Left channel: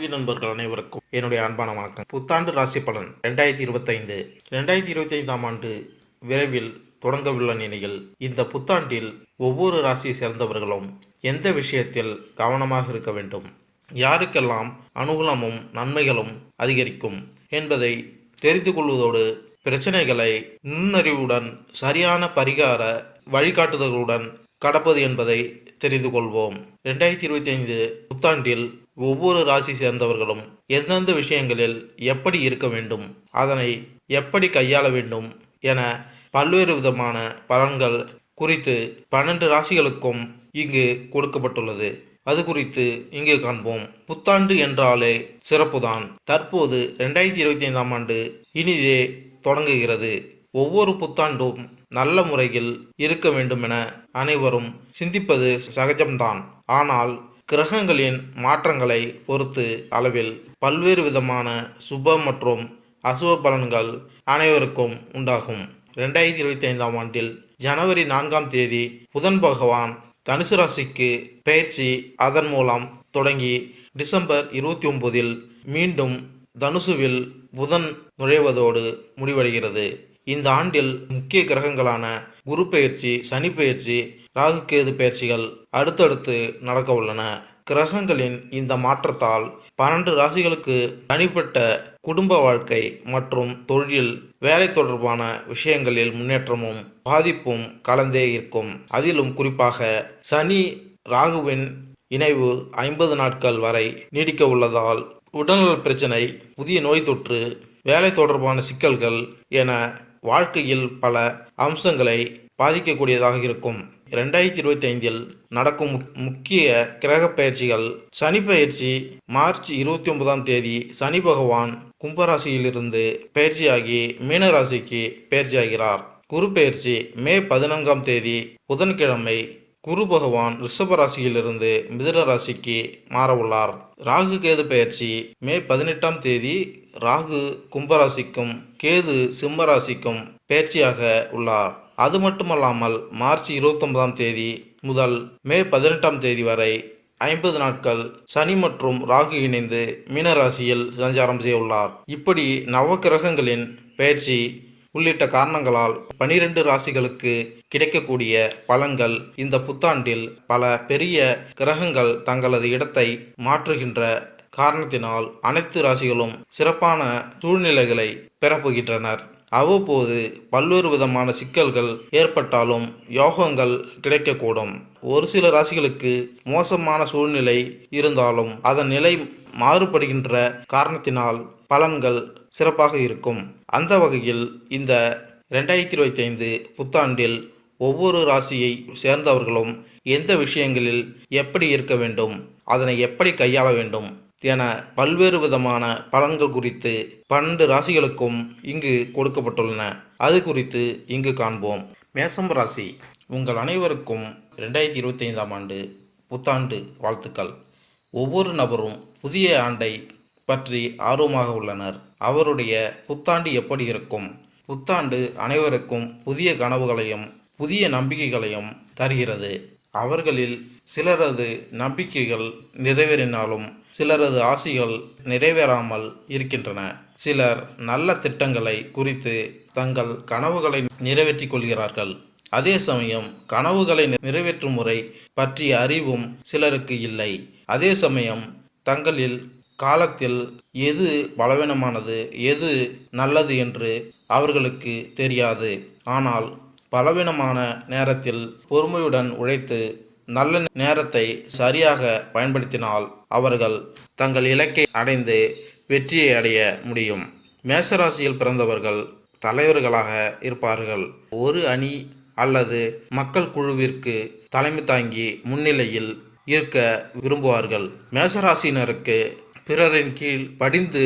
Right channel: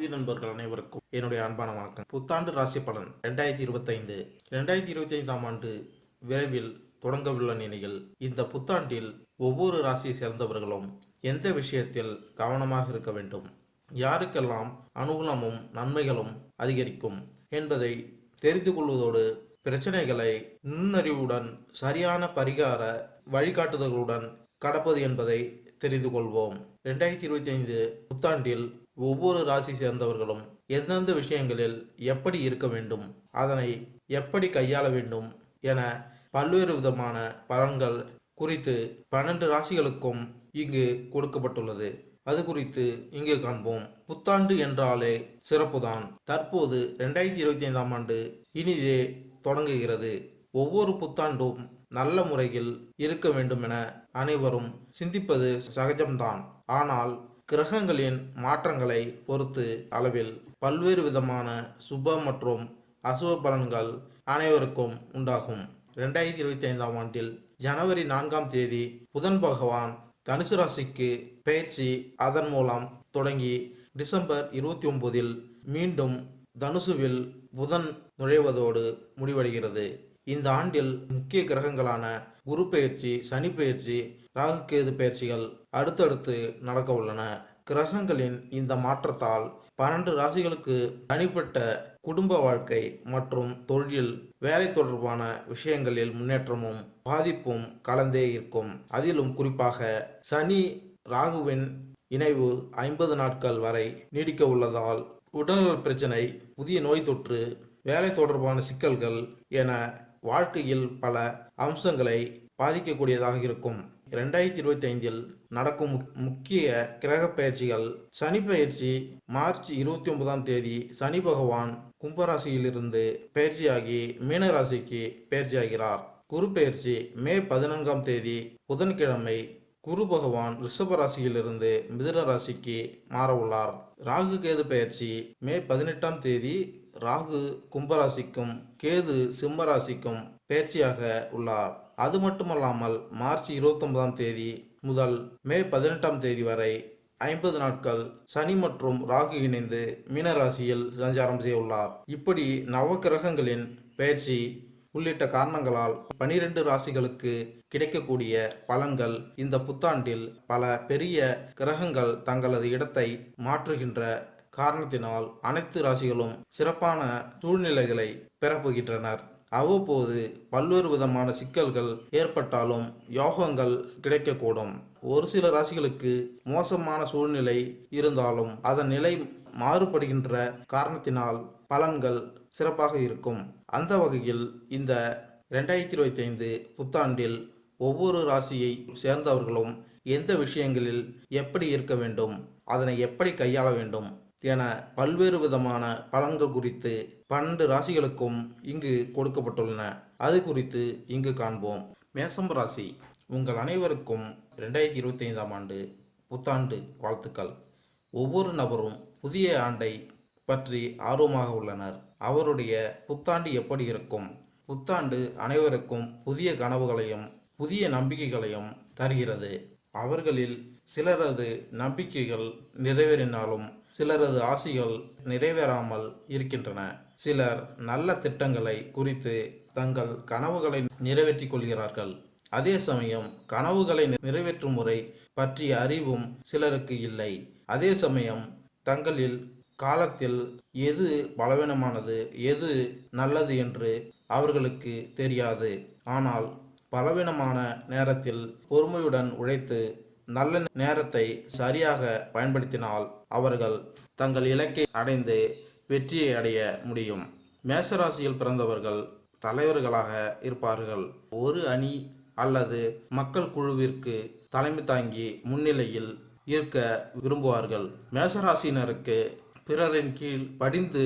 ஆன்மீக நண்பர்கள் அனைவருக்கும் என்னுடைய அன்பான வணக்கம். புத்தாண்டு ராசி பலன் ரெண்டாயிரத்தி இருபத்தைந்து. ரெண்டாயிரத்தி இருபத்தி ஐந்தாம் ஆண்டு விரைவில் தொடங்கவுள்ள நிலையில் இந்த புத்தாண்டில் ஒவ்வொரு ராசியை சேர்ந்தவர்களும் எந்த விஷயத்தில் கவனமாக இருக்க வேண்டும்? யாருக்கெல்லாம் அனுகூலமும் நன்மைகளும் அதிகரிக்கும் என்பதை தெரிந்து கொள்வதோடு பிரச்சனைகளை நுண்ணறிவுடன் சரியான பரிகார வழிகாட்டுதல்களுடன் கடப்பது என்பதை தெரிந்து கொள்வோம். ரெண்டாயிரத்தி இருபத்தி ஐந்து புத்தாண்டில் ஒவ்வொரு ராசி சேர்ந்தவர்களும் எந்தெந்த விஷயங்களில் எப்படி இருக்க வேண்டும் அதனை எப்படி கையாள வேண்டும் என பல்வேறு விதமான பலன்கள் குறித்து பன்னெண்டு ராசிகளுக்கும் இங்கு கொடுக்கப்பட்டுள்ளது. அது குறித்து இங்கு காண்போம். புத்தாண்டு என்றாலே சிறப்புதான். தற்போது ரெண்டாயிரத்தி இருபத்தி ஐந்தாம் ஆண்டு இனிதே தொடங்குகிறது. ஒவ்வொரு புத்தாண்டும் நல்ல முறையில் இருக்க வேண்டும் என அனைவரும் சிந்திப்பது சகஜம்தான். ஆனால் கிரகங்களின் மாற்றங்களை பொறுத்து அளவில் பல்வேறு விதமான சுப மற்றும் அசுப பலன்கள் அனைவருக்கும் உண்டாகும். ரெண்டாயிரத்தி இருபத்தி ஐந்தாம் ஆண்டில் ஜனவரி நான்காம் தேதி புதன் பகவான் தனுசு ராசிக்கு பயிற்சி அதன் மூலம் தொடங்கி டிசம்பர் இருபத்தி ஒன்பதில் மீண்டும் தனுசுவில் புதன் நுழைவதோடு முடிவடைகிறது. இந்த ஆண்டில் முக்கிய கிரகங்களான குரு பெயர்ச்சி சனி பெயர்ச்சி ராகுகேது பெயர்ச்சிகள் அடுத்தடுத்து நடக்க உள்ளன. கிரகங்களின் இந்த மாற்றத்தால் பன்னெண்டு ராசிகளுக்கு தனிப்பட்ட குடும்ப வாழ்க்கை மற்றும் தொழில் வேலை தொடர்பான விஷயங்களில் முன்னேற்றமும் பாதிப்பும் கலந்தே இருக்கும். அதிலும் குறிப்பாக சனி ராகுவின் இணைவு ஐம்பது நாட்கள் வரை நீடிக்க உள்ளதால் உடல்நல பிரச்சனை புதிய நோய் தொற்று வேலை தொடர்பான சிக்கல்கள் என வாழ்க்கையில் பல அம்சங்களை பாதிக்கக்கூடியதாக இருக்கும். ரெண்டாயிரத்தி இருபத்தி ஐந்தில் நடக்கும் முக்- முக்கிய கிரக பயிற்சிகள் சனி பயிற்சி மார்ச் இருபத்தி ஒன்பதாம் தேதி சனி பகவான் கும்பராசியிலிருந்து பயிற்சியாகி மீனராசிக்கு பயிற்சியாகிறார். குரு பயிற்சி மே பதினான்காம் தேதி புதன்கிழமை குரு பகவான் ரிஷப ராசியிலிருந்து மிதுன ராசிக்கு மாறவுள்ளார். ராகு கேது பயிற்சி மே பதினெட்டாம் தேதி ராகு கும்பராசிக்கும் கேது சிம்மராசிக்கும் பெயர்ச்சியாக உள்ளார். அது மட்டுமல்லாமல் மார்ச் இருபத்தொன்பதாம் தேதி முதல் மே பதினெட்டாம் தேதி வரை ஐம்பது நாட்கள் சனி மற்றும் ராகு இணைந்து மீனராசியில் சஞ்சாரம் செய்ய உள்ளார் இப்படி நவக்கிரகங்களின் பயிற்சி உள்ளிட்ட காரணங்களால் பனிரெண்டு ராசிகளுக்கு கிடைக்கக்கூடிய பலன்கள் இந்த புத்தாண்டில் பல பெரிய கிரகங்கள் தங்களது இடத்தை மாற்றுகின்ற காரணத்தினால் அனைத்து ராசிகளும் சிறப்பான சூழ்நிலைகளை பெறப்போகின்றனர். அவ்வப்போது பல்வேறு விதமான சிக்கல்கள் ஏற்பட்டாலும் யோகங்கள் கிடைக்கக்கூடும். ஒரு சில ராசிகளுக்கு மோசமான சூழ்நிலை இருந்தாலும் அதன் நிலை மாறுபடுகின்ற காரணத்தினால் பலன்கள் சிறப்பாக இருக்கும். அந்த வகையில் இந்த ரெண்டாயிரத்தி இருபத்தி ஐந்து புத்தாண்டில் ஒவ்வொரு ராசியை சேர்ந்தவர்களும் எந்த விஷயங்களில் எப்படி இருக்க வேண்டும் அதனை எப்படி கையாள வேண்டும் என பல்வேறு விதமான பலன்கள் குறித்து பன்னெண்டு ராசிகளுக்கும் இங்கு கொடுக்கப்பட்டுள்ளன. அது குறித்து இங்கு காண்போம். மேசம் ராசி உங்கள் அனைவருக்கும் ரெண்டாயிரத்தி இருபத்தி ஐந்தாம் ஆண்டு புத்தாண்டு வாழ்த்துக்கள். ஒவ்வொரு நபரும் புதிய ஆண்டை பற்றி ஆர்வமாக உள்ளனர். அவருடைய புத்தாண்டு எப்படி இருக்கும்? புத்தாண்டு அனைவருக்கும் புதிய கனவுகளையும் புதிய நம்பிக்கைகளையும் தருகிறது. அவர்களில் சிலரது நம்பிக்கைகள் நிறைவேறினாலும் சிலரது ஆசைகள் நிறைவேறாமல் இருக்கின்றன. சிலர் நல்ல திட்டங்களை குறித்து தங்கள் கனவுகளை நிறைவேற்றிக் கொள்கிறார்கள். அதே சமயம் கனவுகளை நிறைவேற்றும் முறை பற்றிய அறிவும் சிலருக்கு இல்லை. அதே சமயம் தங்களில் காலத்தில் எது பலவீனமானது எது நல்லது என்று அவர்களுக்கு தெரியாது. ஆனால் பலவீனமான நேரத்தில் பொறுமையுடன் உழைத்து நல்ல நேரத்தை சரியாக பயன்படுத்தினால் அவர்கள் தங்கள் இலக்கை அடைந்து வெற்றியை அடைய முடியும். மேசராசியில் பிறந்தவர்கள் தலைவர்களாக இருப்பார்கள். ஒரு அணி அல்லது மக்கள் குழுவிற்கு தலைமை தாங்கி முன்னிலையில் இருக்க விரும்புவார்கள். மேசராசினருக்கு பிறரின் கீழ் படிந்து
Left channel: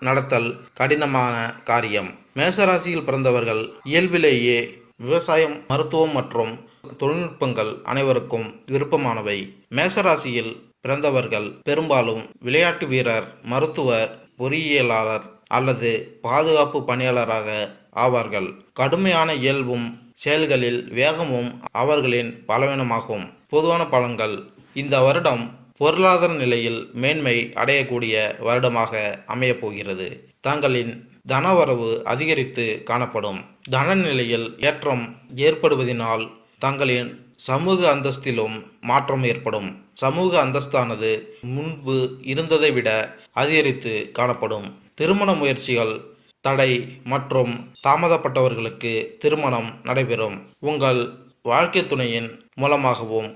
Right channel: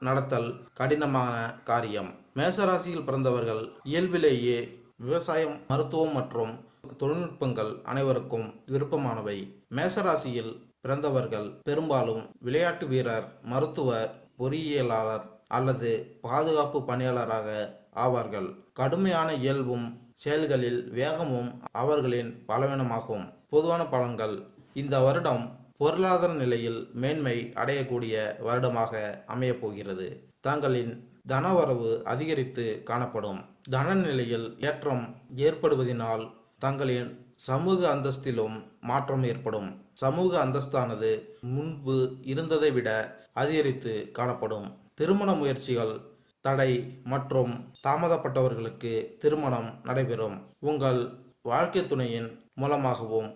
நடத்தல் கடினமான காரியம். மேசராசியில் பிறந்தவர்கள் இயல்பிலேயே விவசாயம் மருத்துவம் மற்றும் தொழில்நுட்பங்கள் அனைவருக்கும் விருப்பமானவை. மேசராசியில் பிறந்தவர்கள் பெரும்பாலும் விளையாட்டு வீரர் மருத்துவர் பொறியியலாளர் அல்லது பாதுகாப்பு பணியாளராக ஆவார்கள். கடுமையான இயல்பும் செயல்களில் வேகமும் அவர்களின் பலவீனமாகும். பொதுவான பலன்கள் இந்த வருடம் பொருளாதார நிலையில் மேன்மை அடையக்கூடிய வருடமாக அமையப்போகிறது. தங்களின் தனவரவு அதிகரித்து காணப்படும். தன நிலையில் ஏற்றம் ஏற்படுவதினால் தங்களின் சமூக அந்தஸ்திலும் மாற்றம் ஏற்படும். சமூக அந்தஸ்தானது முன்பு இருந்ததை விட அதிகரித்து காணப்படும். திருமண முயற்சிகள் தடை மற்றும் தாமதப்பட்டவர்களுக்கு திருமணம் நடைபெறும். உங்கள் வாழ்க்கை துணையின் மூலமாகவும்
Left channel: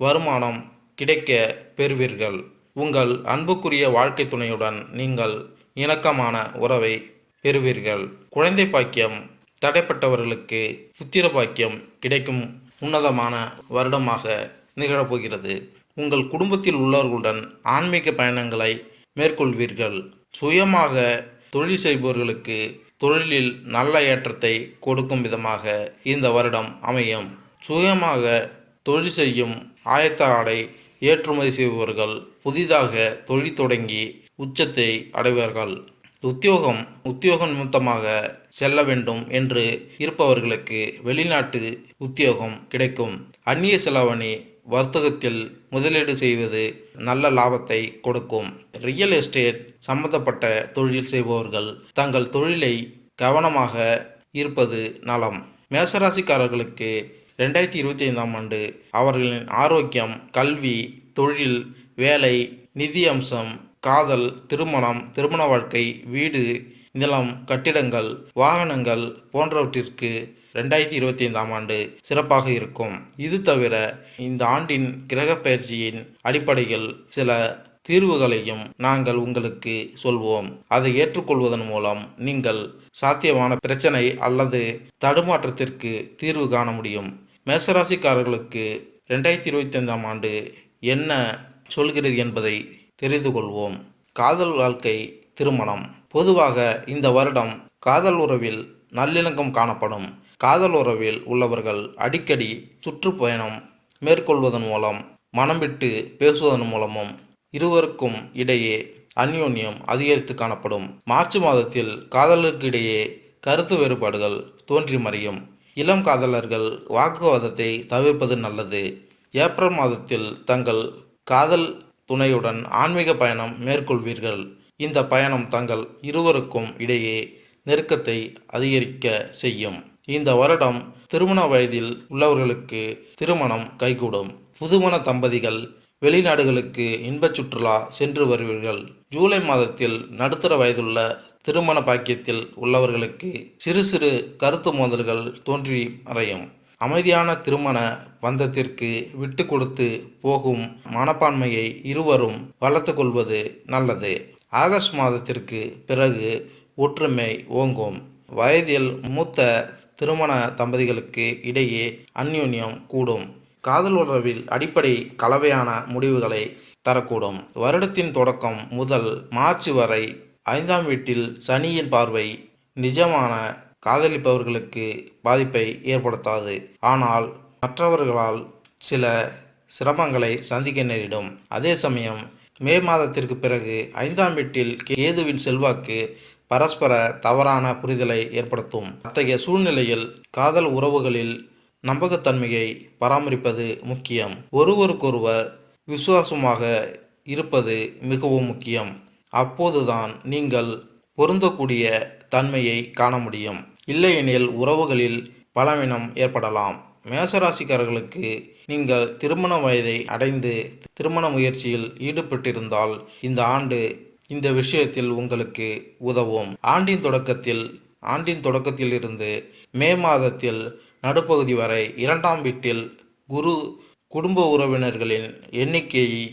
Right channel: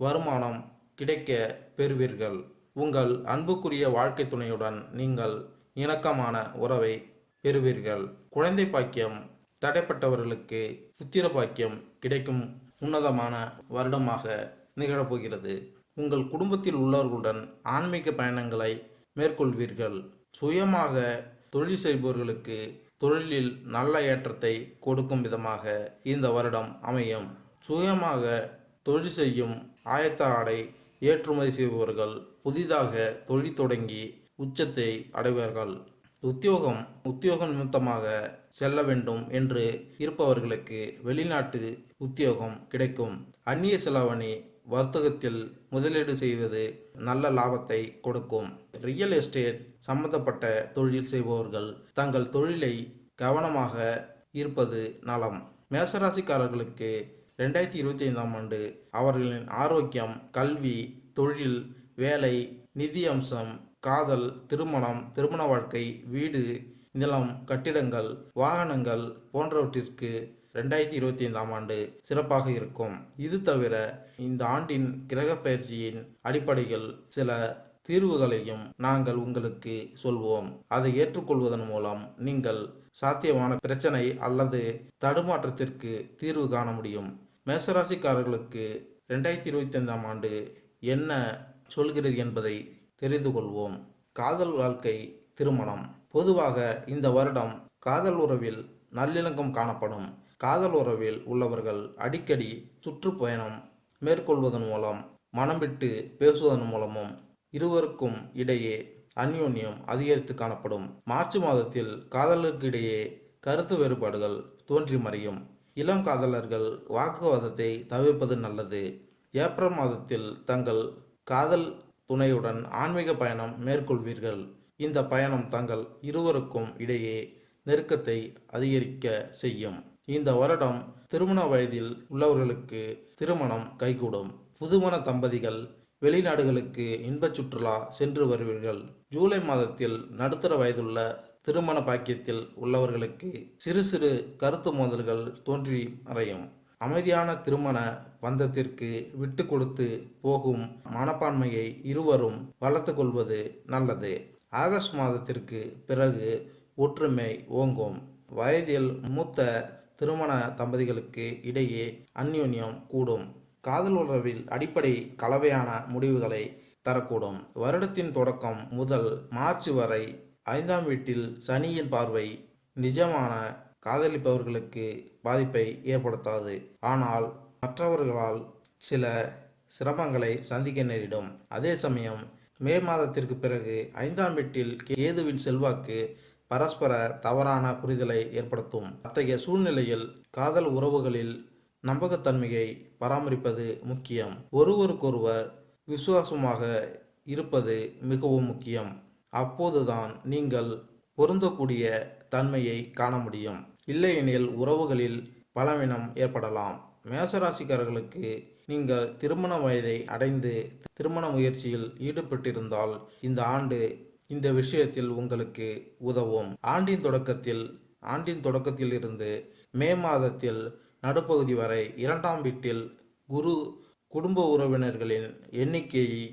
வருமானம் கிடைக்க பெறுவீர்கள். உங்கள் அன்புக்குரிய வாழ்க்கை துணையுடன் நீங்கள் இணக்கமான உறவை பெறுவீர்கள். குழந்தை பாக்கியம் தடைப்பட்டவர்களுக்கு புத்திர பாக்கியம் கிடைக்கும். உன்னதமான வருடமாக நிகழப்போகிறது. உங்கள் குடும்பத்தில் உள்ளவர்களுடன் ஆன்மீக பயணங்களை மேற்கொள்வீர்கள். சுயமாக தொழில் செய்பவர்களுக்கு தொழிலில் நல்ல ஏற்றத்தை கொடுக்கும் விதமாக இந்த வருடம் அமையும். சுயமாக தொழில் செய்யும் ஆயத்த ஆடை ஏற்றுமதி செய்பவர்கள் புதிதாக தொழில் தொடங்கி உச்சத்தை அடைவார்கள். உத்தியோகம் உத்தியோகம் நிமித்தமாக செல்ல வேண்டும் என்று இருப்பவர்களுக்கு வெளிநாட்டு உத்தியோகம் கிடைக்கும். அந்நிய செலாவணி வர்த்தகத்தில் முதலீடு செய்வது நல்ல லாபத்தை கொடுக்கும். ரியல் எஸ்டேட் சம்பந்தப்பட்ட தொழில் செய்பவர்கள் தங்கள் தொழிலை கவனமாக இருப்பது நலம். மேசராசிக்காரர்களுக்கு ரெண்டாயிரத்தி இருபத்தி ஐந்தாம் ஆண்டு அவர்களின் ஆரோக்கியம் கல்வி தொழில் வேலை நிதி அம்சம் காதல் திருமணம் திருமண வாழ்க்கை வீடு நிலம் கட்டிடங்கள் வாகனங்கள் போன்றவற்றிற்கு ரெண்டாயிரத்தி இருபத்தி ஐந்தாம் ஆண்டு சிறப்பாக இருக்கும். இது தவிர இந்த ஆண்டின் கிரக பயிற்சியின் அடிப்படையில் சில தீர்வுகளையும் நாங்கள் உங்களுக்கு சொல்வோம். அதை ஏற்றுக்கொள்வதன் மூலம் நீங்கள் சாத்தியமான பிரச்சனை அல்லது தடுமாற்றத்திற்கு தீர்வு காண முடியும். மேசராசிக்காரர்களுக்கு ரெண்டாயிரத்தி இருபத்தி ஐந்தாம் ஆண்டு என்ன சொல்கிறது என்பதை தெரிந்து கொள்வோம். காதல் வாழ்க்கை திருமணம். பொதுவாக இந்த வருடம் காதல் உறவில் நல்லிணக்கம் காணப்படும். காதல் உறவில் உள்ளவர்கள் அடிக்கடி சுற்றுப்பயணம் மேற்கொள்வதன் மூலம் மனம் விட்டு பேசுவதன் மூலமும் இருவருக்கும் இடையே அந்யோன்யம் அதிகரித்து காணப்படும். மார்ச் மாதத்தில் காதலருக்கு இடையே கருத்து வேறுபாடுகள் தோன்றி மறையும். இளம் காதலர்கள் வாக்குவாதத்தை தவிர்ப்பது நல்லது. ஏப்ரல் மாதத்தில் தங்கள் காதல் துணையுடன் ஆன்மீக பயணம் மேற்கொள்வீர்கள். இந்த பயணம் தங்கள் இருவருக்கும் இடையே நெருக்கத்தை அதிகரிக்க செய்யும். இந்த வருடம் திருமண வயதில் உள்ளவர்களுக்கு திருமணம் கைகூடும். புதுமண தம்பதிகள் வெளிநாடுகளுக்கு இன்பச் சுற்றுலா சென்று வருவீர்கள். ஜூலை மாதத்தில் நடுத்தர வயதுள்ள திருமண பாக்கியத்தில் உள்ளவர்களுக்கு சிறு சிறு கருத்து மோதல்கள் தோன்றி மறையும். அமைதியான திருமண பந்தத்திற்கு விட்டு கொடுத்து போகும் மனப்பான்மையை இருவரும் வளர்த்து கொள்வது நல்லது. ஆகஸ்ட் மாதத்திற்கு பிறகு ஒற்றுமை ஓங்கும். வயதில் மூத்த திருமண தம்பதிகளுக்கு இடையே அந்யூன்யம் கூடும். காதல் உறவில் அடிப்படை கலவையான முடிவுகளை தரக்கூடும். வருடத்தின் தொடக்கம் முதல் மார்ச் வரை ஐந்தாம் வீட்டில் சனியின் பார்வை நிஜமான காதலிப்பவர்களுக்கு பாதிப்பை ஏற்படுத்தாது. ஆனால் மற்றவர்களால் சில சிரமங்களை சந்திக்க நேரிடும். அதே சமயம் மே மாதத்திற்கு பிறகு ஐந்தாம் வீட்டில் கேதுவின் செல்வாக்கு பரஸ்பர தவறான புரிதலை ஏற்படுத்தும். அத்தகைய சூழ்நிலையில் காதல் உறவுகளில் நம்பகத்தன்மையை பராமரிப்பது முக்கியம். ஒருவருக்கொருவர் விசுவாசமாக இருப்பது மிகவும் முக்கியம். அப்போதுதான் நீங்கள் பொருந்தக்கூடிய தன்மையை காண முடியும். இல்லையெனில் உறவுகளில் பலவீனம் ஏற்படலாம். மேசராசிக்காரர்களுக்கு நீங்கள் திருமண வயதை அடைந்து திருமண முயற்சியில் ஈடுபட்டிருந்தால் இந்த ஆண்டு இந்த விஷயத்தில் உங்களுக்கு உதவும். ஆண்டின் தொடக்கத்தில் ஆண்டின் தொடக்கத்தில் இருந்து மே மாதத்தில் நடுப்பகுதி வரை இரண்டாம் வீட்டில் குரு குடும்ப உறவினர்களின் எண்ணிக்கையை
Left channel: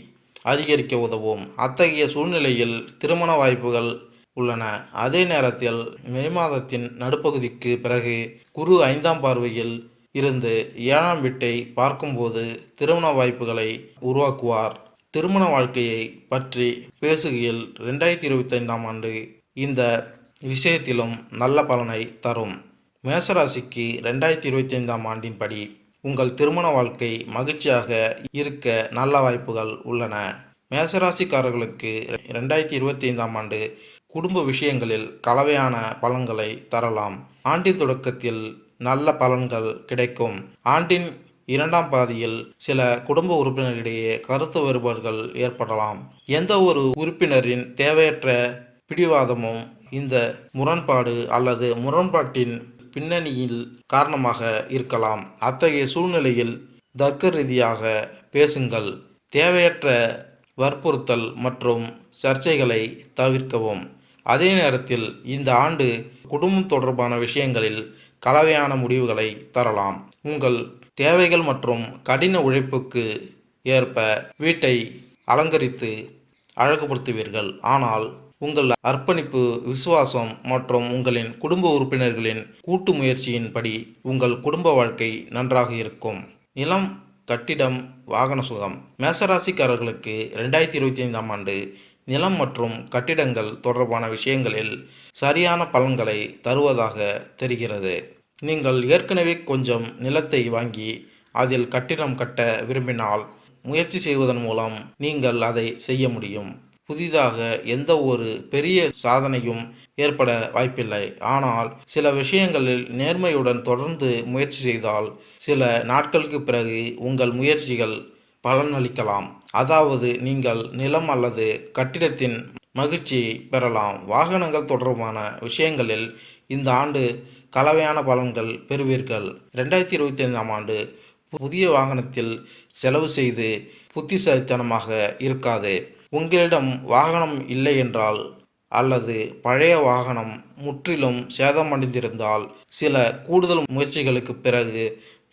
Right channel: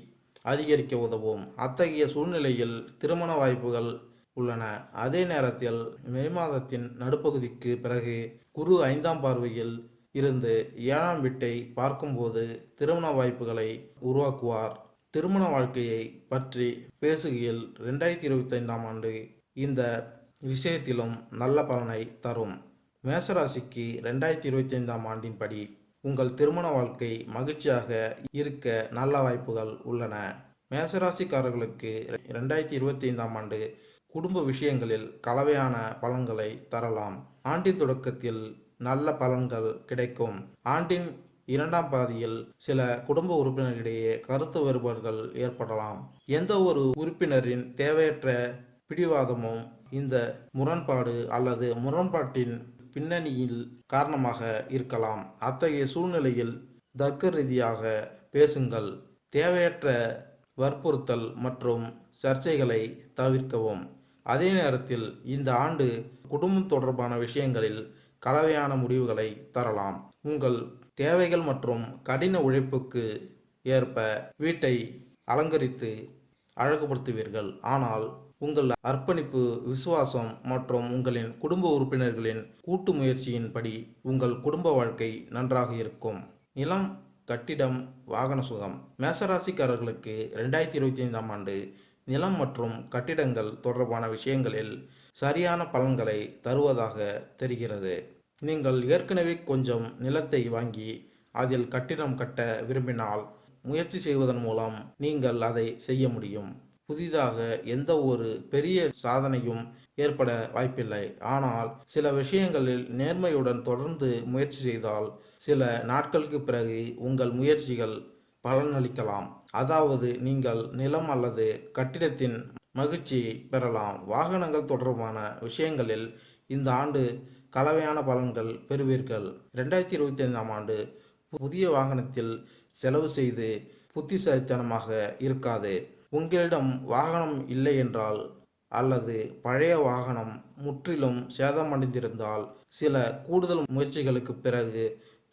அதிகரிக்க உதவும். அத்தகைய சூழ்நிலையில் திருமண வாய்ப்புகள் உள்ளன. அதே நேரத்தில் மே மாதத்தின் நடுப்பகுதிக்கு பிறகு குரு ஐந்தாம் பார்வையில் இருந்து ஏழாம் வீட்டை பார்க்கும்போது திருமண வாய்ப்புகளை உருவாக்குவார். திருமண வாழ்க்கையை பற்றி பேசுகையில் ரெண்டாயிரத்தி இருபத்தைந்தாம் ஆண்டு இந்த விஷயத்திலும் நல்ல பலனை தரும். மேசராசிக்கு ரெண்டாயிரத்தி இருபத்தைந்தாம் ஆண்டின்படி உங்கள் திருமண வாழ்க்கை மகிழ்ச்சியாக இருக்க நல்ல வாய்ப்புகள் உள்ளன. மேசராசிக்காரர்களுக்கு ரெண்டாயிரத்தி இருபத்தி ஐந்தாம் ஆண்டு குடும்ப விஷயங்களில் கலவையான பலன்களை தரலாம். ஆண்டின் தொடக்கத்தில் நல்ல பலன்கள் கிடைக்கும். ஆண்டின் இரண்டாம் பாதியில் சில குடும்ப உறுப்பினர்களிடையே கருத்து வேறுபாடுகள் ஏற்படலாம். எந்த ஒரு உறுப்பினரின் தேவையற்ற பிடிவாதமும் இந்த முரண்பாடு அல்லது முரண்பாட்டின் பின்னணியில் காரணமாக இருக்கலாம். அத்தகைய சூழ்நிலையில் தர்க்க ரீதியாக பேசுங்கள். தேவையற்ற வற்புறுத்தல் மற்றும் சர்ச்சைகளை தவிர்க்கவும். அதே நேரத்தில் இந்த ஆண்டு குடும்பம் தொடர்பான விஷயங்களில் கலவையான முடிவுகளை தரலாம். உங்கள் தேவைகள் மற்றும் கடின உழைப்புக்கு ஏற்ப வீட்டை அலங்கரித்து அழகுபடுத்துவீர்கள். ஆனால் உங்கள் அர்ப்பணிப்பு விசுவாசம் மற்றும் உங்களின் குடும்ப உறுப்பினர்களின் கூட்டு முயற்சியின்படி உங்கள் குடும்ப வாழ்க்கை நன்றாக இருக்கும். நிலம் கட்டிடம் வாகன சுகம். மேசராசிக்காரர்களுக்கு ரெண்டாயிரத்தி இருபத்தி ஐந்தாம் ஆண்டு நிலம் மற்றும் கட்டிடங்கள் தொடர்பான விஷயங்களில் சரியான பலன்களை தருவதாக தெரிகிறது. நீங்கள் ஏற்கனவே கொஞ்சம் நிலத்தை வாங்கி அதில் கட்டிடம் கட்ட விரும்பினால் முயற்சி செய்வதன் மூலம் நீங்கள் அதை செய்ய முடியும். புதிதாக எந்த ஒரு பெரிய சாதனையும் ஏற்பட வாய்ப்பில்லை. ஆனால் சில விஷயங்களில் நேர்மையுடன் தொடர்ந்து முயற்சி செய்தால் சில நாட்களுக்கு பிறகு உங்கள் முயற்சிகள் பலனளிக்கலாம். அதாவது நீங்கள் நிலம் அல்லது கட்டிடத்தின் மகிழ்ச்சி பெறலாம். வாகனங்கள் தொடர்பான விஷயங்களில் இந்த ஆண்டு கலவையான பலன்கள் பெறுவீர்கள். ரெண்டாயிரத்தி இருபத்தி ஐந்தாம் ஆண்டு புதிய வாகனத்தில் செலவு செய்து புத்திசாலித்தனமாக இருக்காது. உங்களிடம் வாகனம் இல்லை என்றால் அல்லது பழைய வாகனம் முற்றிலும் சேதமடைந்திருந்தால் சில கூடுதல் முயற்சிகளுக்கு பிறகு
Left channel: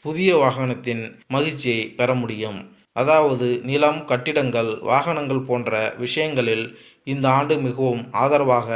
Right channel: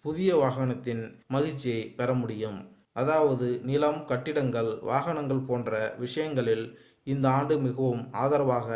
புதிய வாகனத்தின் மகிழ்ச்சியை பெற முடியும். அதாவது நிலம் கட்டிடங்கள் வாகனங்கள் போன்ற விஷயங்களில் இந்த ஆண்டு மிகவும் ஆதரவாக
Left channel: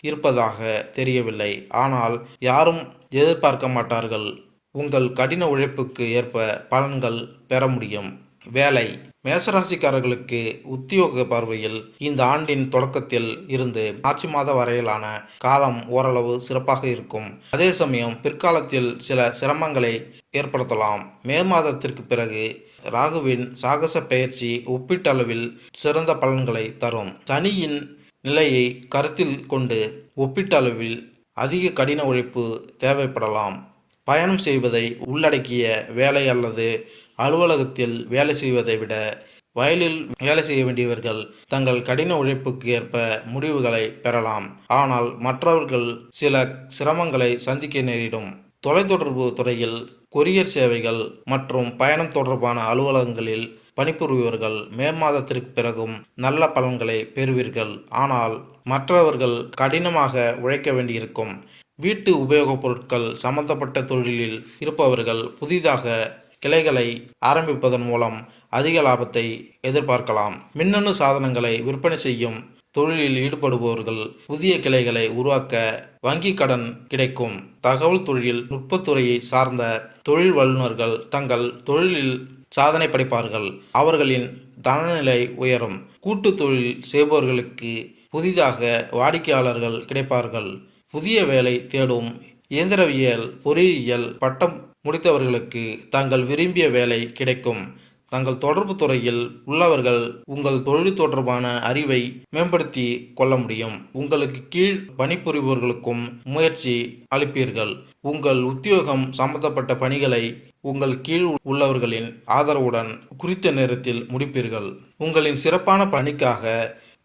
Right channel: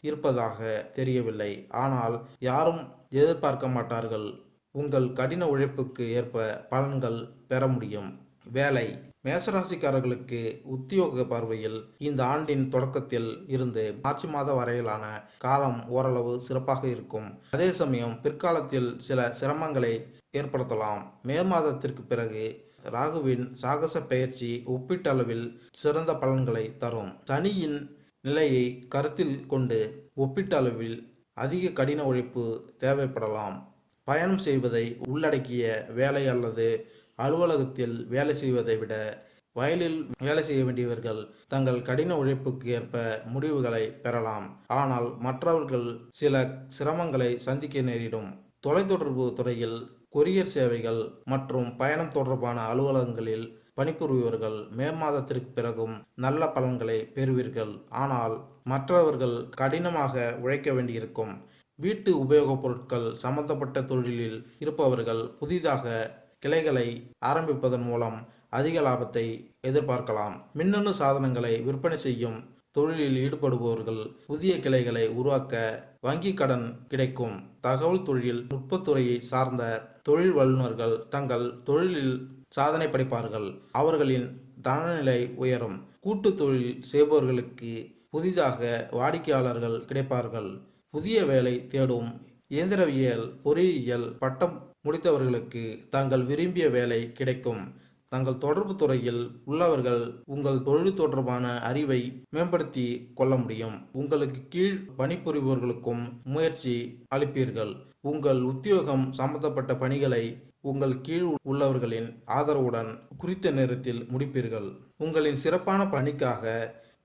இருப்பதாக தெரியவில்லை. ஆனால் யாரும் எதிர்பார்க்க மாட்டார்கள். உங்கள் கடின உழைப்புக்கு ஏற்ப பலன்கள் பெற முடியும். வேலை. மேசராசிக்காரர்களுக்கு உத்தியோக பார்வையில் இந்த ஆண்டின் தொடக்கத்தில் இருந்து மார்ச் மாத வரையிலான காலம் ஓரளவு சிறப்பாக இருக்கும். அதே சமயம் பிற்காலத்தில் சில சிரமங்களை ஏற்படுத்தலாம். மே மாதத்திற்கு பிறகு ராகுவின் சாகச பயிற்சி ஒப்பீட்டளவில் சிறந்த பலன்களை தரும். சனியின் நிலையை கருத்தில் கொண்டு ஒப்பீட்டளவில் அதிக கடின உழைப்பு தேவைப்படலாம். பயணம் செய்வதை உள்ளடக்கிய வேலை அல்லது அலுவலகத்தில் வேலை செய்வதை விட வயலில் வேலை செய்ய வேண்டியவர்கள் தங்கள் கடின உழைப்புக்கு ஏற்ப முடிவுகளை பெறலாம். ஆனால் மற்றவர்கள் சில சிரமங்களை சந்திக்க நேரிடும். தொலைத்தொடர்பு துறையில் கொரியர் சேவைகள் மற்றும் பயணம் தொடர்பான அலுவலகங்களில் பணிபுரிபவர்கள் மே மாதத்திற்கு பிறகும் நல்ல பலன்களை பெறுவீர்கள். ஆனால் மற்றவர்கள் கடினமாக உழைக்க வேண்டியிருக்கும். வீட்டு உபயோகப் பொருட்கள் சம்பந்தப்பட்ட தொழிலில் இருப்பவர்கள் புதிதாக கிளைகளை ஆரம்பிப்பதன் மூலம் அதிக லாபத்தை எதிர்பார்க்கலாம். மின்னணு சாதனங்களை விற்பனை செய்யும் தொழிலில் ஈடுபடுபவர்கள் புதிய கிளைகளை உருவாக்க வங்கி கடன் கிடைக்கும். தகவல் தொழில் நுட்பத்துறையை சார்ந்த தொழில் வல்லுநர்கள் தங்கள் தொழிலில் சாதனை படைப்பார்கள். அவர்களின் தனநிலை உயரும். கூட்டு தொழில் செய்பவர்களுக்கு புதிதாக வாடிக்கையாளர்கள் கிடைப்பார்கள். புதிய வேலை தேடும் இயந்திரவியல் பொறியியல் பட்டம் முடித்தவர்களுக்கு தங்கள் விரும்பிய வேலை கிடைக்கும். தங்கள் தொடர்பு துறையில் உள்ளவர்கள் உங்கள் தொழில் தொடர்பான அறிவை மேம்படுத்தி கொள்ள முடியும். உங்களுக்கு கீழ் பணிபுரிபவர்களுக்கும் முயற்சி அளிப்பீர்கள். உங்கள் உத்தியோகம் சம்பந்தப்பட்ட பணிகளை உங்கள் கீழ் உள்ளவர்களின் ஆதரவுடன் குறித்த நேரத்தில் முடிப்பீர்கள். உங்களின் சிறப்பான பணிக்காக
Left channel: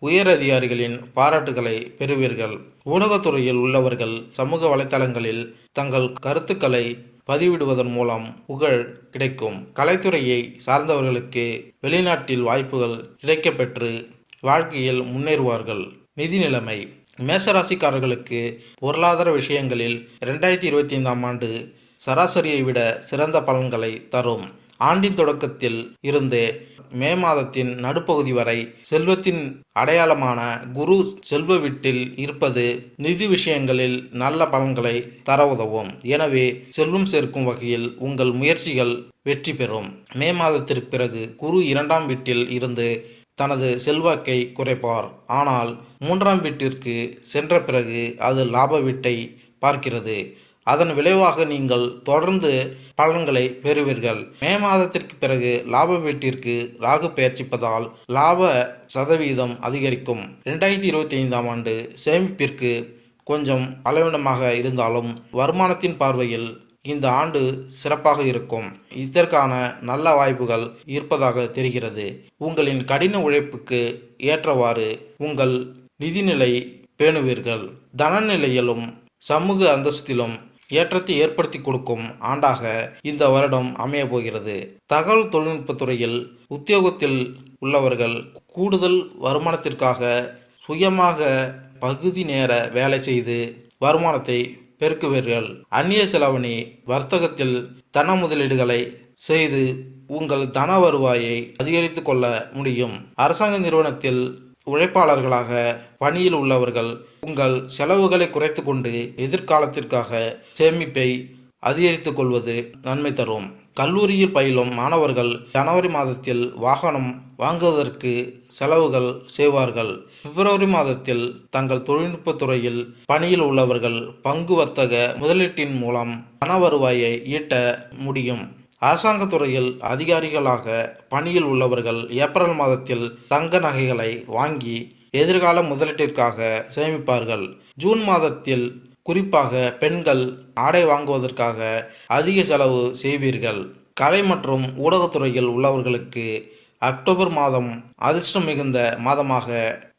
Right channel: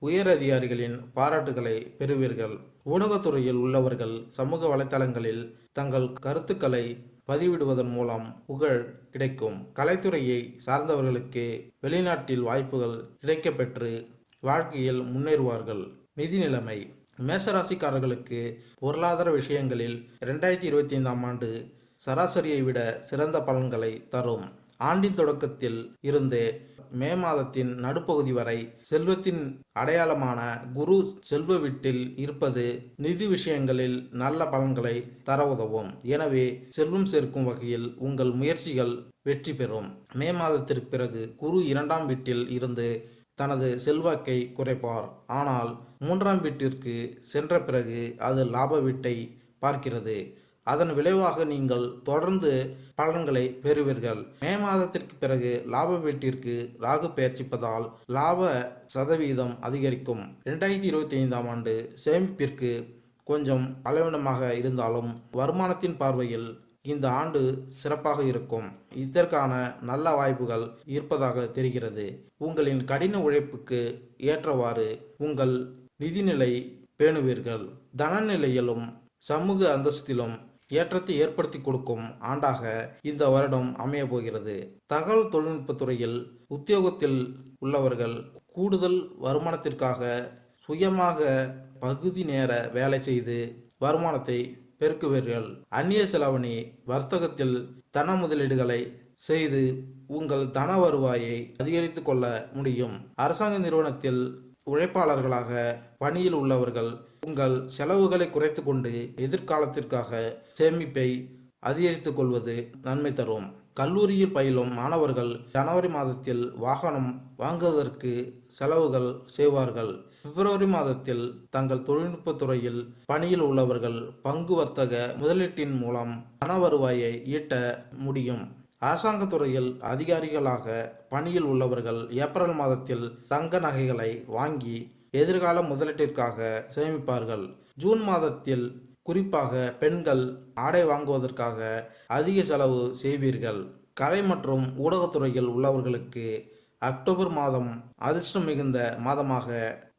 உயர் அதிகாரிகளின் பாராட்டுகளை பெறுவீர்கள். ஊடகத்துறையில் உள்ளவர்கள் சமூக வலைத்தளங்களில் தங்கள் கருத்துக்களை பதிவிடுவதன் மூலம் புகழ் கிடைக்கும். கலைத்துறையை சார்ந்தவர்களுக்கு வெளிநாட்டில் வாய்ப்புகள் கிடைக்கப்பெற்று வாழ்க்கையில் முன்னேறுவார்கள். நிதி நிலைமை. மேசராசிக்காரர்களுக்கு பொருளாதார விஷயங்களில் ரெண்டாயிரத்தி இருபத்தி ஐந்தாம் ஆண்டு சராசரியை விட சிறந்த பலன்களை தரும். ஆண்டின் தொடக்கத்தில் இருந்து மே மாதத்தின் நடுப்பகுதி வரை செல்வத்தின் அடையாளமான குரு செல்வ வீட்டில் இருப்பது நிதி விஷயங்களில் நல்ல பலன்களை தர உதவும். எனவே செல்வம் சேர்க்கும் வகையில் உங்கள் முயற்சிகள் வெற்றி பெறும். மே மாதத்திற்கு பிறகு குரு இரண்டாம் வீட்டில் இருந்து தனது செல்வாக்கை குறைப்பார். ஆனால் மூன்றாம் வீட்டிற்கு சென்ற பிறகு அது லாப வீட்டை பார்க்கிறது. அதன் விளைவாக நீங்கள் தொடர்ந்து பலன்களை பெறுவீர்கள். மே மாதத்திற்கு பிறகு லாப வீட்டிற்கு ராகு பெயர்ச்சிப்பதால் லாப சதவீதம் அதிகரிக்கும். ரெண்டாயிரத்தி இருபத்தி ஐந்தாம் ஆண்டு சேமிப்பிற்கு கொஞ்சம் அளவிடமாக இருந்தாலும் வருமானத்தின் பார்வையில் இந்த ஆண்டு சிறப்பாக இருக்கும். இதற்கான நல்ல வாய்ப்புகள் இருப்பதாக தெரிகிறது. உங்களின் கடின உழைப்புக்கு ஏற்றவாறு உங்கள் நிதிநிலை பேணுவீர்கள். தனநிலையிலும் சமூக அந்தஸ்திலும் ஏற்றத்தை ஏற்படுத்தி கொடுக்கும் ஆண்டாக இந்த வருடம் அமைய போகிறது. தகவல் தொழில்நுட்பத்துறையில் உத்தியோகத்தில் உள்ளவர்கள் கூடுதல் வருமானத்திற்காக சுயமாக பகுதி நேர வேலை செய்து வருமானத்தை பெருக்குவீர்கள். அந்நிய செலவணி வர்த்தகத்தில் தன முதலீடுகளை செய்து உங்கள் தன வருவாயை அதிகரித்து கொள்ள முடியும். அரசாங்க நிறுவனத்தில் உழைப்பாளர்களாக பணியில் உள்ளவர்கள் உங்கள் செலவுகளை குறைத்து கொண்டு எதிர்காலத்திற்காக சேமிப்பை அதிகரித்துக் கொள்வது நன்மை தரும். கல்லூரியில் பயிலும் மாணவர்கள் ஜனவரி மாதத்தில் வாகனம் வாங்குவதற்கு செலவுகள் செய்வார்கள். பிப்ரவரி மாதத்தில் தங்கள் தொழில்நுட்ப துறையில் பணியில் உள்ளவர்கள் பங்கு வர்த்தக முதலீட்டின் மூலம் பண வருவாயை ஈட்ட முடியும். அரசாங்கத்துறையில் அதிகாரிகளாக பணியில் உள்ளவர்கள் ஏப்ரல் மாதத்தில் தங்க நகைகளை வாங்கி எதிர்கால முதலீட்டிற்காக சேமிப்பார்கள். ஜூன் மாதத்தில் குறிப்பாக பெண்கள் ஆடை வாங்குவதற்காக அதிக செலவு செய்வீர்கள். கலை மற்றும் ஊடகத்துறையில் உள்ளவர்களுக்கு அக்டோபர் மாதம் அதிர்ஷ்டம் மிகுந்த மாதமாக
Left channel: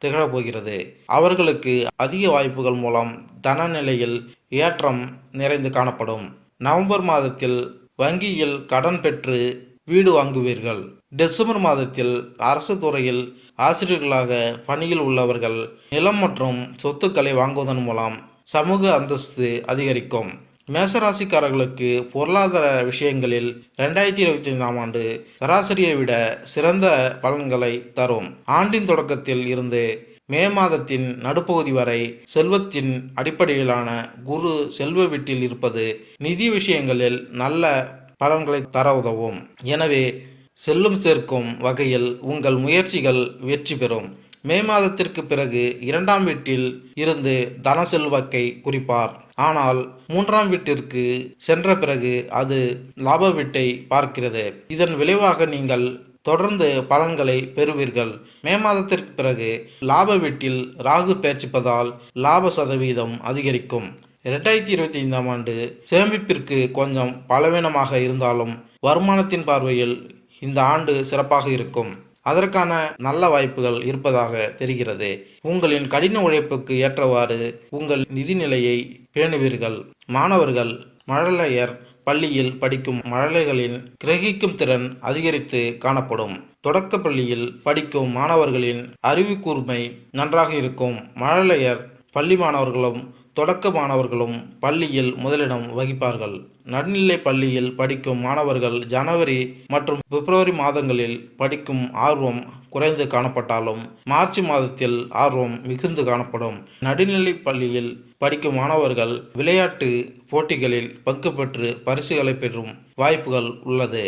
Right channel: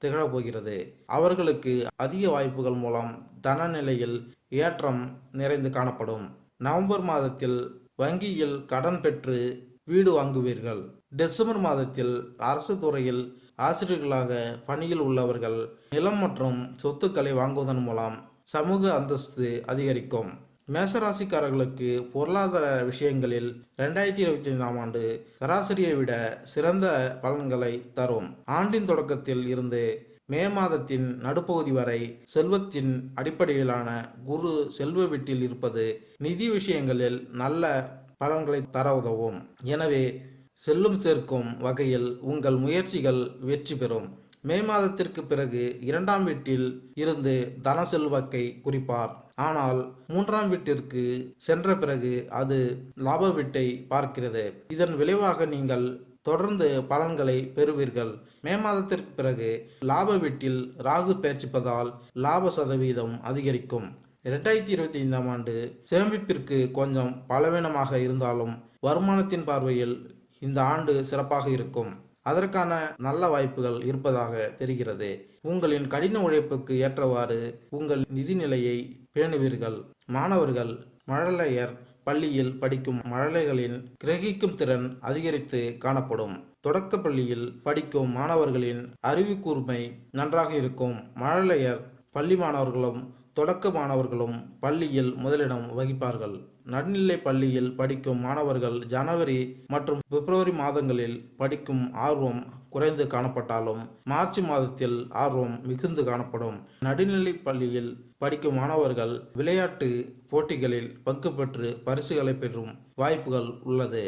திகழப்போகிறது. அவர்களுக்கு அதிக வாய்ப்புகள் மூலம் தன நிலையில் ஏற்றம் நிறைந்து காணப்படும். நவம்பர் மாதத்தில் வங்கியில் கடன் பெற்று வீடு வாங்குவீர்கள். டிசம்பர் மாதத்தில் அரசு துறையில் ஆசிரியர்களாக பணியில் உள்ளவர்கள் நிலம் மற்றும் சொத்துக்களை வாங்குவதன் மூலம் சமூக அந்தஸ்து அதிகரிக்கும். மேசராசிக்காரர்களுக்கு பொருளாதார விஷயங்களில் ரெண்டாயிரத்தி இருபத்தி ஐந்தாம் ஆண்டு சராசரியை விட சிறந்த பலன்களை தரும். ஆண்டின் தொடக்கத்தில் இருந்து மே மாதத்தின் நடுப்பகுதி வரை செல்வத்தின் அடிப்படையிலான குரு செல்வ வீட்டில் இருப்பது நிதி விஷயங்களில் நல்ல பலன்களை தர உதவும். எனவே செல்லும் சேர்க்கும் வகையில் உங்கள் முயற்சிகள் வெற்றி பெறும். மே மாதத்திற்கு பிறகு இரண்டாம் வீட்டில் இருந்து தன செல்வாக்கை குறிப்பார். ஆனால் மூன்றாம் வீட்டிற்கு சென்ற பிறகு அது லாப வீட்டை பார்க்கிறது. இதன் விளைவாக நீங்கள் தொடர்ந்து பலன்களை பெறுவீர்கள். மே மாதத்திற்கு பிறகு லாப வீட்டில் ராகு பேர்ச்சிப்பதால் லாப சதவீதம் அதிகரிக்கும். இரண்டாயிரத்தி இருபத்தி ஐந்தாம் ஆண்டு சேமிப்பிற்கு கொஞ்சம் பலவீனமாக இருந்தாலும் வருமானத்தின் பார்வையில் இந்த ஆண்டு சிறப்பாக இருக்கும். அதற்கான நல்ல வாய்ப்புகள் இருப்பதாக தெரிகிறது. உங்களின் கடின உழைப்புக்கு ஏற்றவாறு உங்கள் நிதிநிலையை பேணுவீர்கள். மாணவர்கள் மழலையர் பள்ளியில் படிக்கும் மழலைகளின் கிரகிக்கும் திறன் அதிகரித்து காணப்படும். தொடக்க பள்ளியில் படிக்கும் மாணவர்களின் அறிவு கூர்மை நன்றாக இருக்கும். மழலையர் பள்ளி மாணவர்களும் தொடக்க மாணவர்களும் பள்ளியில் முதலிடம் வகிப்பார்கள். நடுநிலை பள்ளியில் படிக்கும் மாணவர்கள் ஜனவரி மற்றும் பிப்ரவரி மாதங்களில் படிக்கும் ஆர்வம் குறைந்து காணப்பட்டாலும் மார்ச் மாதத்தில் ஆர்வம் மிகுந்து காணப்படும். நடுநிலை பள்ளியில் படிக்கும் மாணவர்கள் விளையாட்டு போட்டிகளில் பங்கு பெற்று பரிசுகளை பெறும் வாய்ப்புகள் உள்ளது.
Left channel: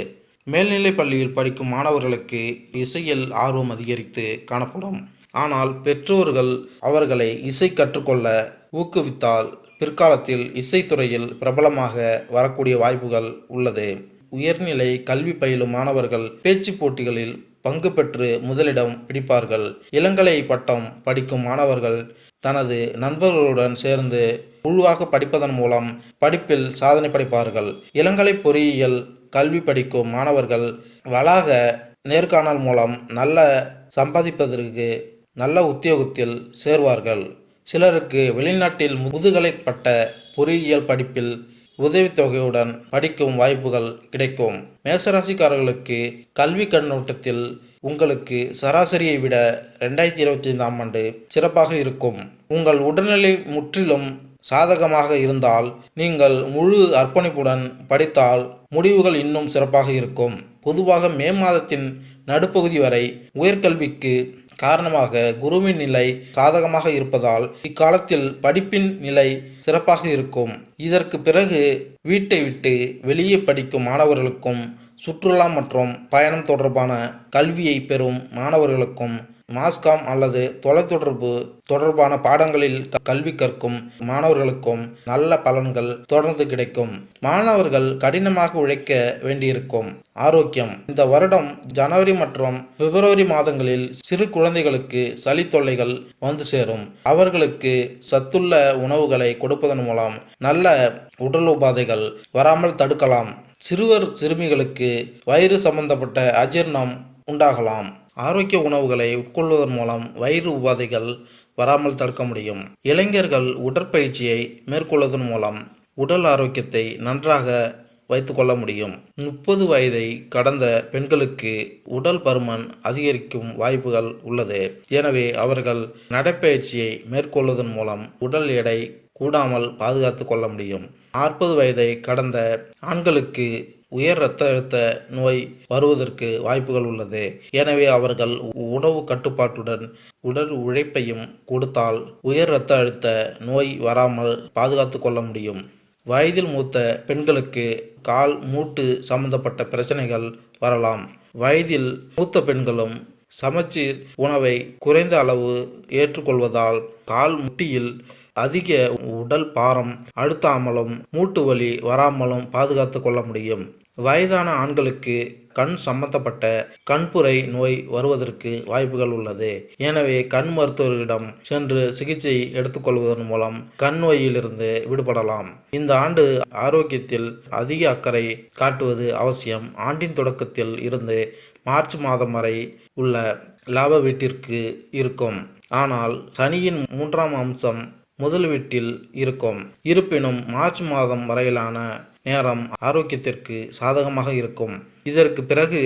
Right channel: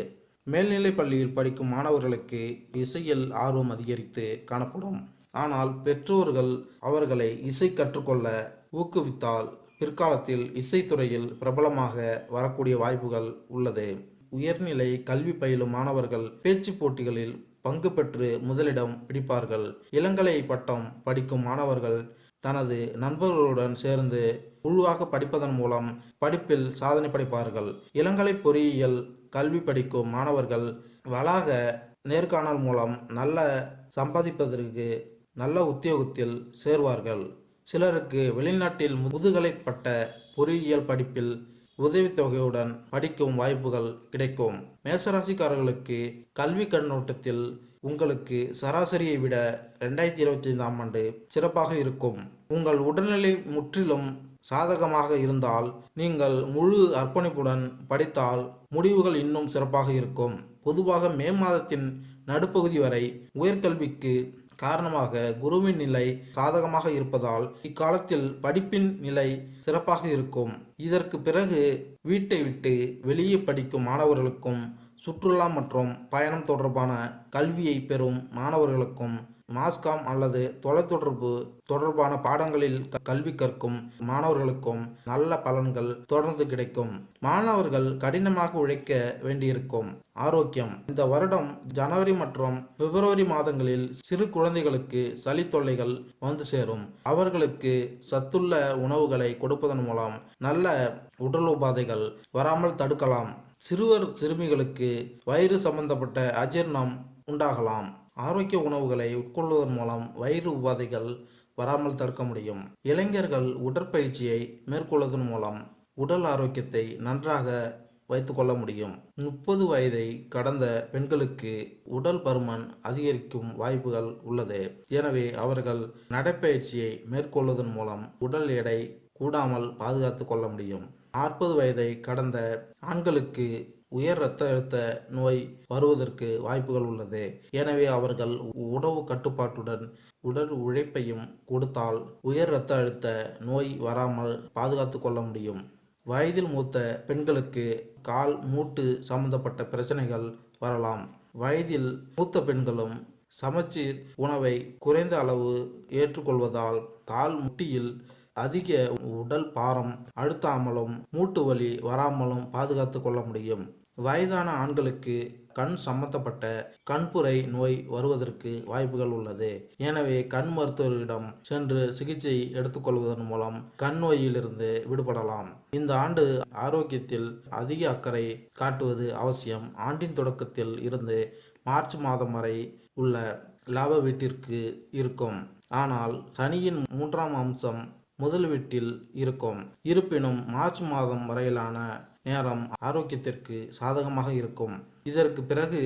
மேல்நிலை பள்ளியில் படிக்கும் மாணவர்களுக்கு இசையில் ஆர்வம் அதிகரித்து காணப்படும். ஆனால் பெற்றோர்கள் அவர்களை இசை கற்றுக்கொள்ள ஊக்குவித்தால் பிற்காலத்தில் இசைத்துறையில் பிரபலமாக வரக்கூடிய வாய்ப்புகள் உள்ளது. உயர்நிலை கல்வி பயிலும் மாணவர்கள் பேச்சு போட்டிகளில் பங்கு பெற்று முதலிடம் பிடிப்பார்கள். இளங்கலை பட்டம் படிக்கும் மாணவர்கள் தனது நண்பர்களுடன் சேர்ந்து குழுவாக படிப்பதன் மூலம் படிப்பில் சாதனை படைப்பார்கள். இளங்கலை பொறியியல் கல்வி படிக்கும் மாணவர்கள் வளாக நேர்காணல் மூலம் நல்ல சம்பாதிப்பதற்கு நல்ல உத்தியோகத்தில் சேர்வார்கள். சிலருக்கு வெளிநாட்டில் முதுகலை பட்ட பொறியியல் படிப்பில் உதவித்தொகையுடன் படிக்கும் வாய்ப்புகள் கிடைக்கும். மேசராசிக்காரர்களுக்கு கல்வி கண்ணோட்டத்தில் உங்களுக்கு சராசரியை விட ரெண்டாயிரத்தி இருபத்தி ஐந்தாம் ஆண்டு சிறப்பாக இருக்கும். உங்கள் உடல்நிலை முற்றிலும் சாதகமாக இருந்தால் நீங்கள் முழு அர்ப்பணிப்புடன் படித்தால் முடிவுகள் இன்னும் சிறப்பாக இருக்கும். பொதுவாக மே மாதத்தின் நடுப்பகுதி வரை உயர்கல்விக்கு காரணமாக குருவின் நிலை சாதகமாக இருப்பதால் இக்காலத்தில் படிப்பின் நிலை சிறப்பாக இருக்கும். இதற்கு பிறகு வீட்டை விட்டு வெளியே படிக்கும் மாணவர்களுக்கும் சுற்றுலா மற்றும் பயணம் தொடர்பான கல்வியை பெறும் மாணவர்களுக்கும் மாஸ்காம் அல்லது தொலைத்தொடர்பு தொடர்பான பாடங்களில் க- கல்வி கற்கும் மாணவர்களுக்கும் நல்ல பலன்கள் தொடர்ந்து கிடைக்கும். மாணவர்கள் கடினமாக உழைக்க வேண்டியிருக்கும். ஆரோக்கியம். இந்த வருடம் ஜனவரி மற்றும் பிப்ரவரி மாதங்களில் சிறு குழந்தைகளுக்கு சளி தொல்லைகள் வந்து சேரும். அவர்களுக்கு சத்துள்ள உணவுகளை கொடுப்பதன் மூலம் நல்ல உடல் உபாதைகள் வராமல் தடுக்கலாம். சிறுவர் சிறுமிகளுக்கு வயிறு சம்பந்தப்பட்ட அஜீர்ணம் உண்டாகலாம். ஆரோக்கிய உணவுகளை உட்கொள்வதன் மூலம் வயிறு உபாதைகள் வராமல் தடுக்க முடியும். இளைஞர்கள் உடற்பயிற்சியை மேற்கொள்வதன் மூலம் உடல் ஆரோக்கியத்தை நன்றாக வைத்துக்கொள்ள முடியும். முப்பது வயதை கடந்த பெண்களுக்கு உடல் பருமன் அதிகரிக்கும் வாய்ப்புகள் உள்ளது. எனவே அவர்கள் நடைப்பயிற்சியை மேற்கொள்வதன் மூலம் உடல் எடை கூடாமல் பாதுகாத்து கொள்ள முடியும். நாற்பது வயதை கடந்த ஆண்களுக்கு உயர் இரத்த அழுத்த நோய் வருவதற்கு வாய்ப்புகள் உள்ளது. எனவே அவர்கள் உணவு கட்டுப்பாட்டுடன் உடல் உழைப்பையும் கொடுத்தால் உயர் இரத்த அழுத்த நோய் வராமல் பாதுகாத்து கொள்ள முடியும். வயதில் மூத்த பெண்களுக்கு கால் மூட்டு சம்பந்தப்பட்ட பிரச்சனைகள் வரலாம். வயதில் மூத்த பெண்களும் சமச்சீர் உணவை குறைந்த அளவு ஏற்றுக்கொள்வதால் கால் முட்டியில் அதிக உடல் பாரம் அழுத்தாமலும் மூட்டு வலி வராமலும் பாதுகாத்து கொள்ள முடியும். வயதான ஆண்களுக்கு கண் சம்பந்தப்பட்ட கண்புரை நோய் வருவதற்கு வாய்ப்புகள் உள்ளது. எனவே கண் மருத்துவரிடம் சென்று சிகிச்சை எடுத்துக்கொள்வதன் மூலம் கண் நோயிலிருந்து விடுபடலாம். இந்த ஆண்டு ஆரோக்கியத்தில் அதிக அக்கறை காட்டுவது அவசியம். ஆண்டின் தொடக்கத்தில் இருந்து மார்ச் மாதம் வரை உள்ள லாப வீட்டிற்கு இருக்கும். ஆனால் சனியின் மூன்றாம் அம்சம் முதல் வீட்டில் இருக்கும். இருப்பினும் மார்ச் மாதம் வரையிலான நேரம் ஆரோக்கியத்திற்கு சாதகமாக இருக்கும். இதற்கு பிறகு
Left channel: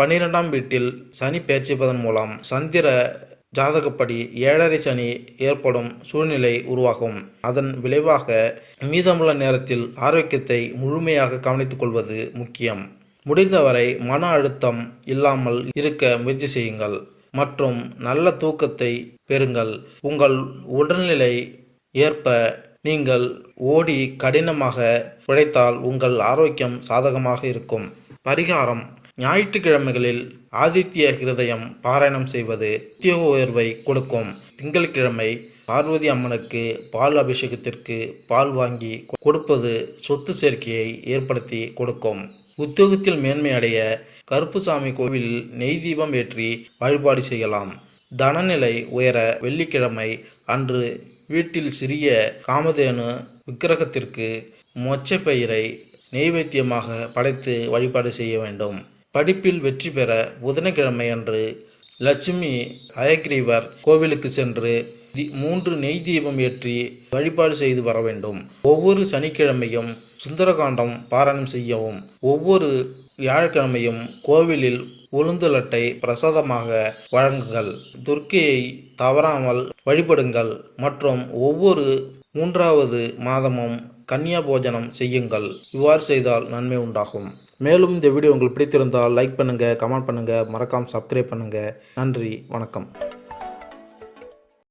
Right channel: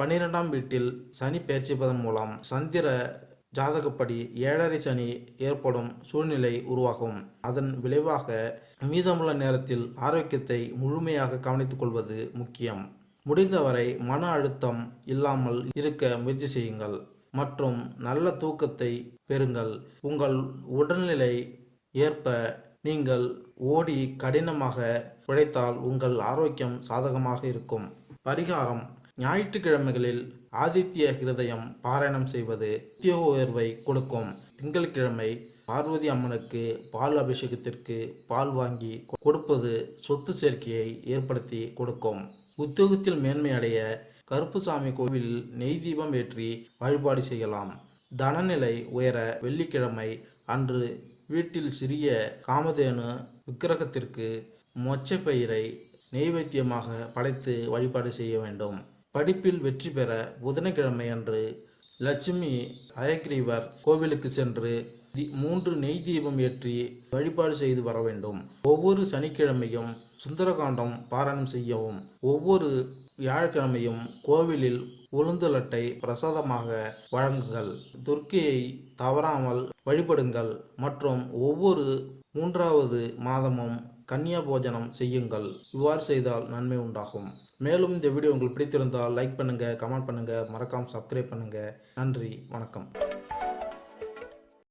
பன்னிரெண்டாம் வீட்டில் சனி பெயர்ச்சிப்பதன் மூலம் சந்திர ஜாதகப்படி ஏழரை சனி ஏற்படும் சூழ்நிலை உருவாகும். அதன் விளைவாக மீதமுள்ள நேரத்தில் ஆரோக்கியத்தை முழுமையாக கவனித்துக் கொள்வது முக்கியம். முடிந்தவரை மன அழுத்தம் இல்லாமல் இருக்க முயற்சி செய்யுங்கள். மற்றும் நல்ல தூக்கத்தை பெறுங்கள். உங்கள் உடல்நிலை ஏற்ப நீங்கள் ஓடி கடினமாக உழைத்தால் உங்கள் ஆரோக்கியம் சாதகமாக இருக்கும். பரிகாரம். ஞாயிற்றுக்கிழமைகளில் ஆதித்ய ஹிருதயம் பாராயணம் செய்வது உத்தியோக உயர்வை கொடுக்கும். திங்கட்கிழமை பார்வதி அம்மனுக்கு பால் அபிஷேகத்திற்கு பால் வாங்கி கொடுப்பது சொத்து சேர்க்கையை ஏற்படுத்தி கொடுக்கும். உத்தியோகத்தில் மேன்மை அடைய கருப்புசாமி கோவிலில் நெய் தீபம் ஏற்றி வழிபாடு செய்யலாம். தனநிலை உயர வெள்ளிக்கிழமை அன்று வீட்டில் சிறிய காமதேனு விக்கிரகத்திற்கு மொச்சப்பயிரை நெய்வேத்தியமாக படைத்து வழிபாடு செய்ய வேண்டும். படிப்பில் வெற்றி பெற புதனக்கிழமை அன்று லட்சுமி அயக்ரீவர் கோவிலுக்கு சென்று தி- மூன்று நெய் தீபம் ஏற்றி வழிபாடு செய்து வர வேண்டும். ஒவ்வொரு சனிக்கிழமையும் சுந்தரகாண்டம் பாராயணம் செய்யவும் ஒவ்வொரு வியாழக்கிழமையும் கோவிலில் உளுந்துலட்டை பிரசாதமாக வழங்குங்கள். துர்க்கையை தவறாமல் வழிபடுங்கள் மற்றும் ஒவ்வொரு மூன்றாவது மாதமும் கன்னியா போஜனம் செய்யுங்கள். இவ்வாறு செய்தால் நன்மை உண்டாகும். மேலும் இந்த வீடியோ உங்களுக்கு பிடித்திருந்தால் லைக் பண்ணுங்கள் கமெண்ட் பண்ணுங்கள் மறக்காமல் சப்ஸ்கிரைப் பண்ணுங்கள் நன்றி வணக்கம்.